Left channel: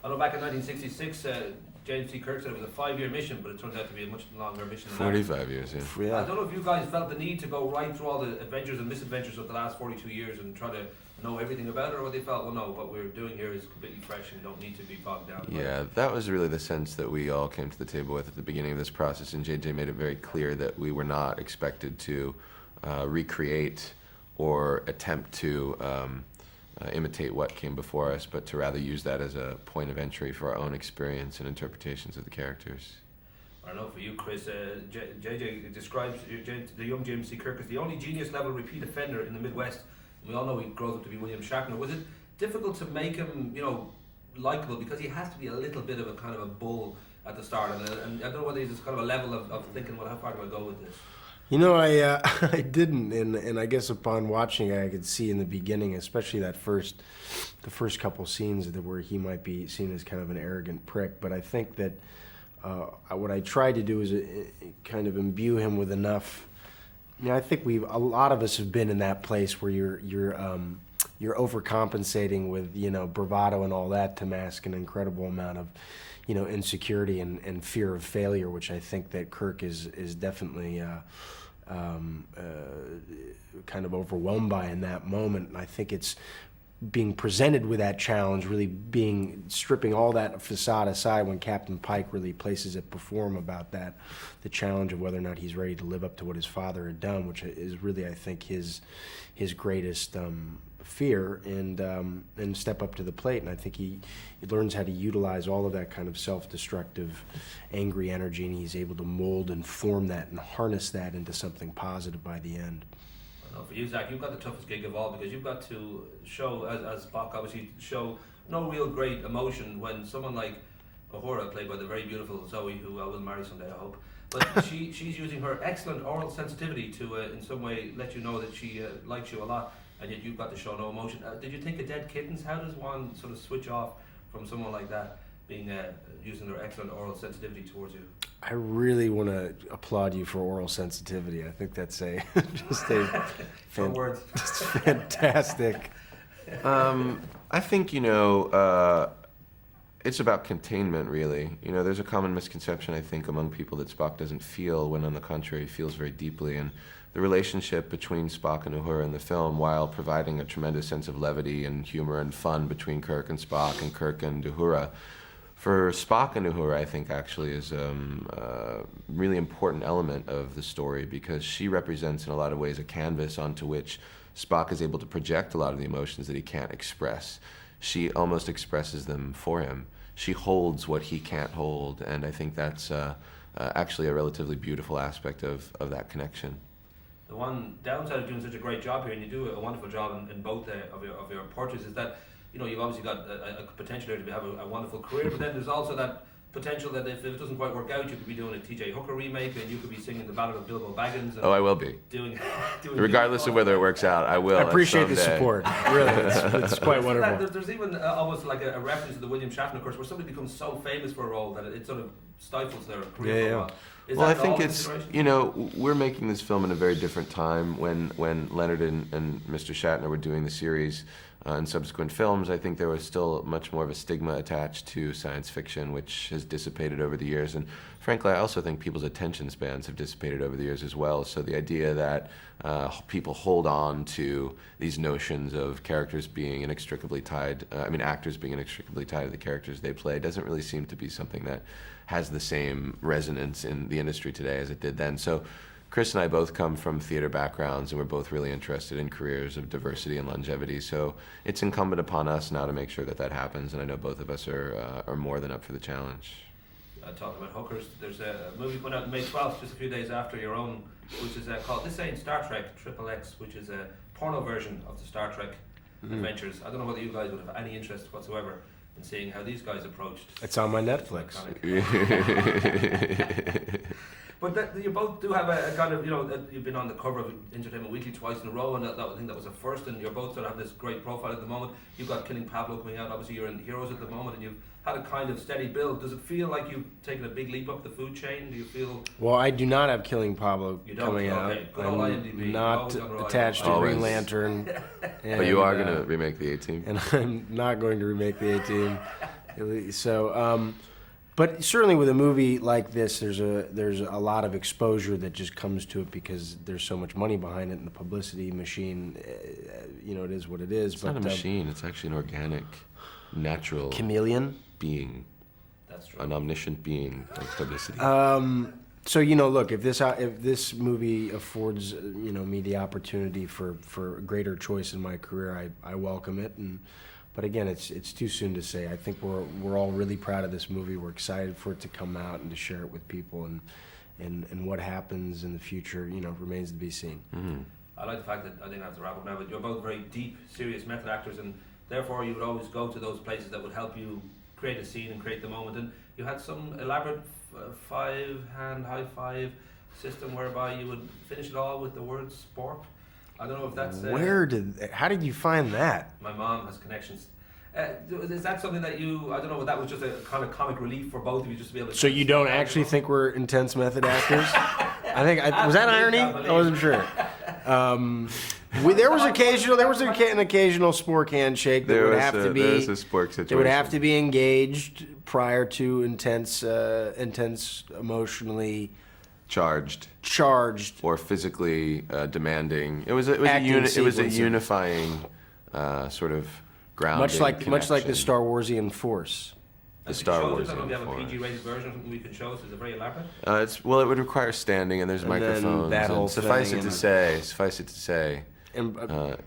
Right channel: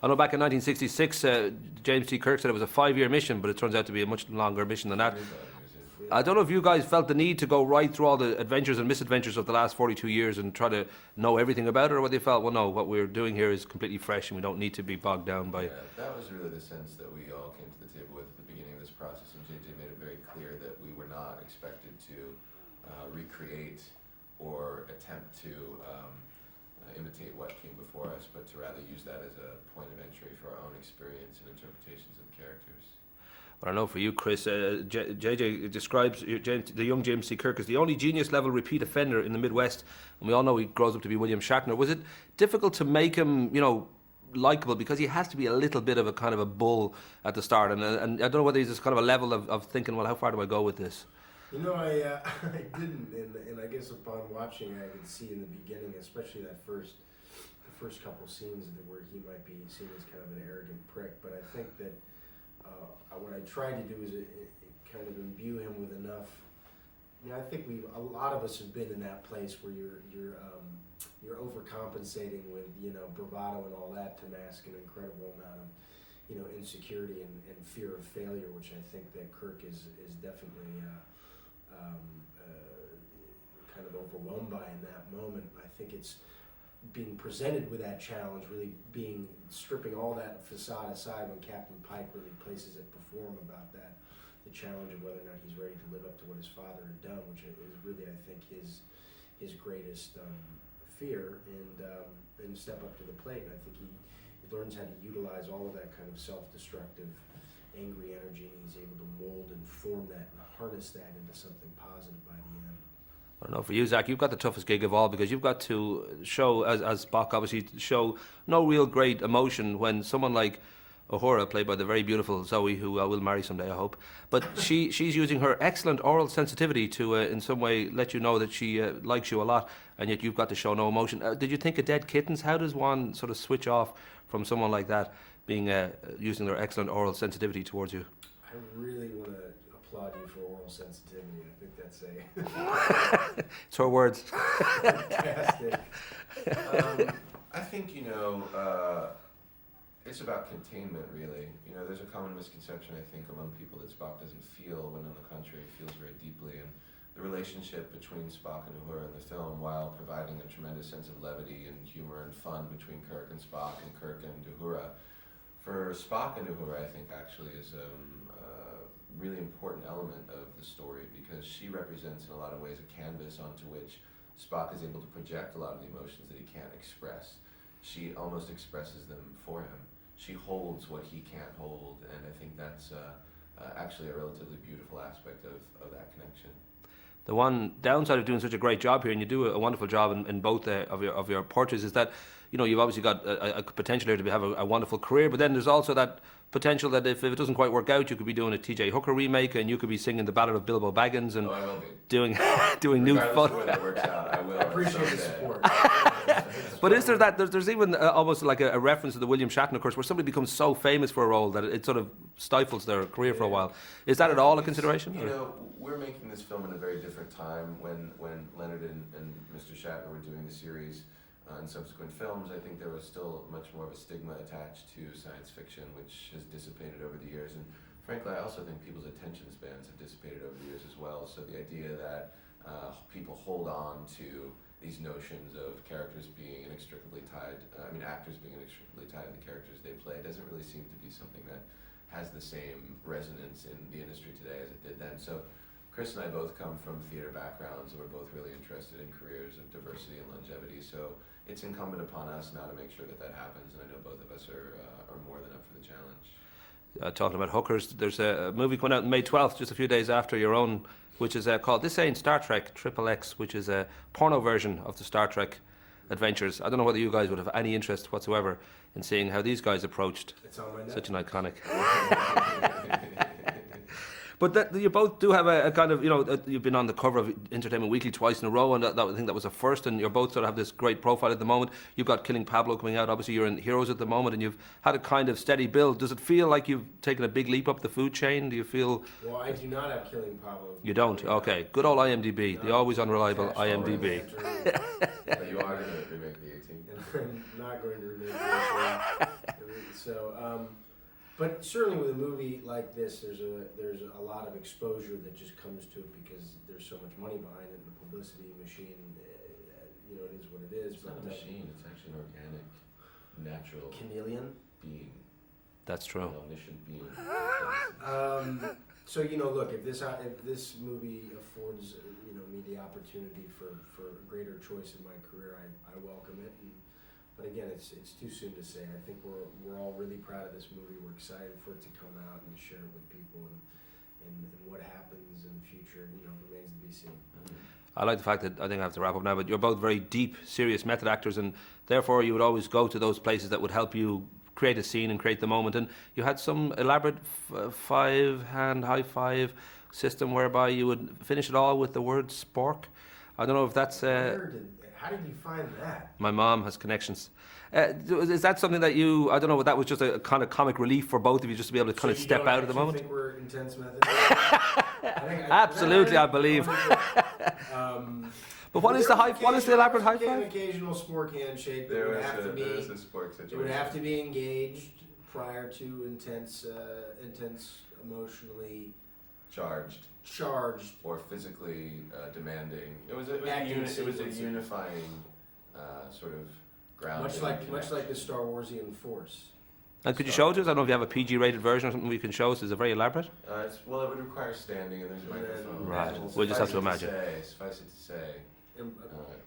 I know back in 1966, James T. Kirk said it was a 5-year mission, but it turns out to be a much longer mission than that. 45 years, yeah. I don't know if you guys felt the need to go right through all the adventures and misadventures of the last 42 years and try to know everything about it, or whether you felt, well, no, what we're doing here is completely fresh and we don't need to be bogged down by it. Yeah, that was really the sense that we all came to the table with at the beginning of this process, and JJ made it very clear that we were not expected to recreate or attempt to imitate what came before us, but to rather use that as a point of entry for our own experience and interpretations of the characters. Well, I know for you, Chris, JJ describes the young James T. Kirk as the only genius-level repeat offender in the Midwest, and we all know he grows up to be William Shatner. Was it difficult to make him, likable, because he has to be a little bit of a kind of a bull at the start, and I don't know whether he's this kind of a level of thinking, well, how far do I go with this? I didn't, and I guess upon watching it, I could see in the beginning, especially the first couple scenes where he might be seen as kind of an arrogant prick. But I think that what I tried to do is kind of imbue him with enough. I think a lot of us have been in that place where you're overcompensating with bravado and all that to mask an incredible amount of insecurity and fear of failure, which I think that Kirk is definitely kind of overwhelmed by in that moment. And I think it's being presented with that challenge, really stripping all that facade aside when Captain Pike really places it before him about that, the challenge of whether or not he's ready to live up to what his father had done, which is really, I think, his greatest fear, and step up to the plate. And I think he learns how to utilize all of that kind of self-destructive, angry energy, and he's able to mold and form that and harness that into something positive by the end. I don't know, for you, Zach, you've got the toughest gig of all, because you've got to show, as Spock obviously, show no real great emotion when someone like Uhura, played by the very beautiful Zoe, who I will marry someday, I hope, but she's using her excellent oral sensitivity to in some way let you know that she likes you a lot, and yet you've got to show no emotion. Did you think of Dead Kittens? How does one sort of switch off from someone like that being using their excellent oral sensitivity towards you? I really want to applaud you for oral sensitivity. I think that's Short words. Fantastic. I think, it's about containment, really. There's a common misconception, I think, among people that Spock doesn't feel, when on the contrary, he feels very deeply. And the relationship between Spock and Uhura in the film, while providing a tremendous sense of levity and humor and fun between Kirk and Spock and Kirk and Uhura, for Spock and Uhura, I think actually is a really important element of the story, because she represents in a lot of ways a canvas onto which Spock is able to project a lot of the emotions that he can't express. She almost expresses them for him. She holds what he can't hold, and I think that's actually a relatively beautiful aspect of that connection. The one downside of doing such a great job here, and you do a wonderful job in both of your portraits, is that you've obviously got a potential here to have a wonderful career, but then there's also that potential that if it doesn't quite work out, you could be doing a T.J. Hooker remake, and you could be singing the Ballad of Bilbo Baggins. And I will be doing regardless of whether it works out. I will. I appreciate the support. Really, it's but is there that? There's even almost like a reference to the William Shatner course, where somebody becomes so famous for a role that it sort of stifles their career for a while. Is that at all a consideration? We're making this film in a very different time. When Leonard and Mr. Shatner were doing the series and subsequent films, I think there was still much more of a stigma attached to science fiction, which has dissipated over the years. And frankly, I also think people's attention spans have dissipated over the years as well. So the idea that people hold on to these notions of characters being inextricably tied, actors being inextricably tied to the characters they play, doesn't really seem to be something that has the same resonance in the industry today as it did then. So Chris and I both come from theater backgrounds, and we're both really interested in careers of diversity and longevity. So it's incumbent upon us now to make sure that happens, and I know both of us are more than up for the challenge. Talking about hookers, there's a movie coming out on May 12th, just a few days after your own, which is called This Ain't Star Trek XXX, which is a porno version of the Star Trek adventures. I don't know whether you guys would have any interest whatsoever in seeing how these guys approached. It's on my Netflix. Such an iconic. But you both do have a kind of, you've been on the cover of Entertainment Weekly twice in a row, and I think that was a first, and you're both sort of have this great profile at the moment. You've got Killing Pablo coming out, obviously you're in Heroes at the moment, and you've had a kind of steady build. Does it feel like you've taken a big leap up the food chain? Do you feel... Well, I do not have Killing Pablo. You don't? Okay. Good old IMDb. You're always unreliable. Attached to Green Lantern. But you are going to remake the A-Team. And I'm not going to remake the A-Team. So, but certainly with a movie like this, there's a lot of exposure that just comes to it because there's so much money behind it, and the publicity machine, it is what it is. It's not a machine. It's actually an organic, natural chameleon being. That's true. An omniscient being of publicity. So look, if this movie affords me the opportunity for a greater choice in my career, I welcome it. But again, it's too soon to say. I think we're all really proud of this movie. We're excited for it to come out and to share it with people, and what happens in the future, remains to be seen. Mm-hmm. I like the fact that, I think I have to wrap up now, but you're both very deep, serious method actors, and therefore you would always go to those places that would help you create a scene and create the moment. And you had some elaborate five-hand high five system whereby you would finish it all with the word spork. I don't know if that's... How did you find that? My mom has connections. Is that something that you... I don't know, that was just a kind of comic relief for both of you, just to be able to... So you don't actually think we're intense method actors? I think... was that Absolutely, irony? I believe. I wasn't sure. There was an occasional spork handshake that would have to be... There was a spork situation. They would have to be engaged prior to intense, emotionally... Charged or physically demanding. It was a unifying sort of grounding. Much like the Star Warsian Force. And could you show us? I don't know if you have a PG-rated version or something we can show us. Is it very elaborate? It would require standing, and there's microphones. That whole suffice it to say,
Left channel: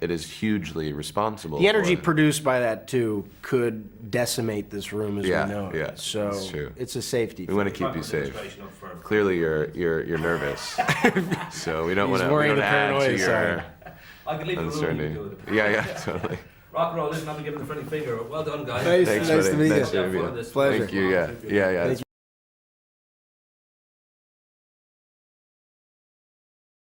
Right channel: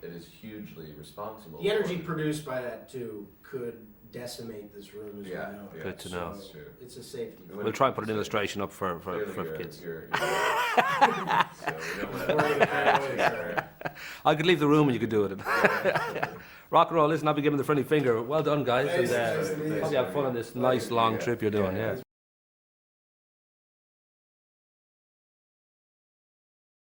it is hugely responsible. The energy produced by that too could decimate this room as we know it. Yeah, so that's true. It's a safety. We want to try keep to you put safe. administration up for Clearly, you're nervous, so we don't want to add to your... I could leave the room. You could do it. Yeah, totally. Rock and roll. Listen, I've been given the friendly finger. Well done, guys. Nice to meet you. Have fun on this Pleasure. nice long trip you're doing. Yeah.